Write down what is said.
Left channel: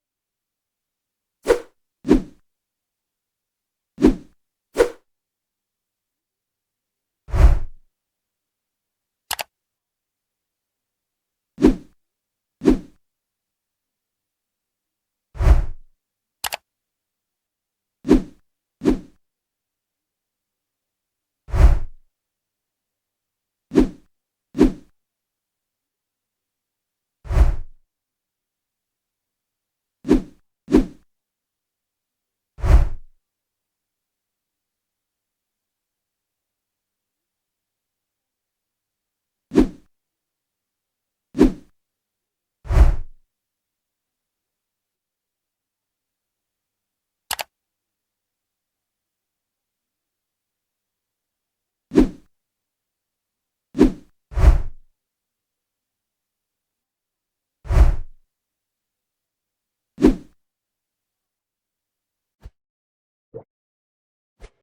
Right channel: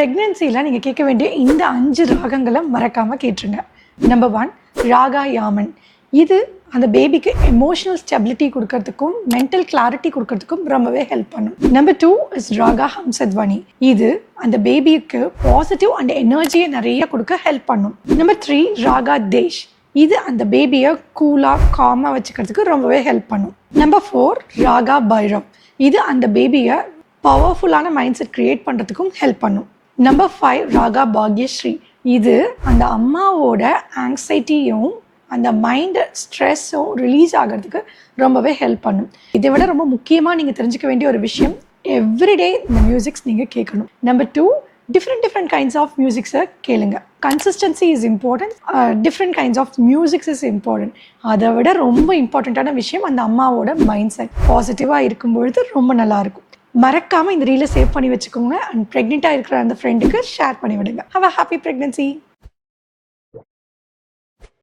ப்ரெக்னென்சியில் நீங்கள் கேட்க வேண்டிய இந்த 5 ராகங்களை மறக்காமல் கேட்டுருங்க. நம்பர் 1 ராகா யாமன். இது அந்த பேபிக்கு எமோஷனல் ஸ்டெபிலிட்டி கொடுக்கறதுக்கும் மென்டல் கிளாரிட்டி கொடுக்கறதுக்கும் ரொம்பவே ஹெல்ப் பண்ணும். Number 2 is raga Hamsadhwani. இது அந்த பேபிக்கு பாசிட்டிவ் அண்ட் எனர்ஜியை நிறைய கொடுக்க ஹெல்ப் பண்ணும். நம்பர் 3 ராகா தேஷ். இது அந்த பேபியை கூலாக காமாக வச்சுக்கிறதுக்கு ரொம்பவே ஹெல்ப் பண்ணும். நம்பர் 4 ராகா பைரவ். இது அந்த பேபியை பவர்ஃபுல்லான மைண்ட் செட் க்ரியேட் பண்ணுறதுக்கும் ஹெல்ப் பண்ணும். நம்பர் 5 ராகா பாக்யஸ்ரீ. இது அந்த அம்மாவோட ஆங்ஸைட்டியும் அந்த மைண்டு ஸ்ட்ரெஸ்ஸும் ரிலீஸ் ஆகிறதுக்கு ரொம்பவே ஹெல்ப் பண்ணும். இதை விட ரொம்ப முக்கியமாக நீங்கள் தெரிஞ்சுக்க வேண்டிய ஒரு விஷயம், எவ்ரிடே இந்த மியூசிக்ஸ் நீங்கள் கேட்கணும். நம்பர் 2 டிஃப்ரெண்ட் கைண்ட்ஸ் ஆஃப் மியூசிக்ஸை கேளுங்க. Consistency is important, different kinds of musics is important. அதை விட ரொம்ப இம்பார்ட்டண்ட்டான விஷயம் அந்த அம்மாவோட மைண்ட் செட் பாசிட்டிவாக இருக்கும்பொழுது ரொம்ப நல்லாயிருக்கும். மறக்காமல் இந்த ரீலை சேவ் பண்ணி வச்சுக்கோங்க. அண்ட் ப்ரெக்னெண்ட்டாக இருக்கிற அந்த ஃப்ரெண்டுக்கு ஷேர் பண்ணி விடுங்க. Have a happy pregnancy.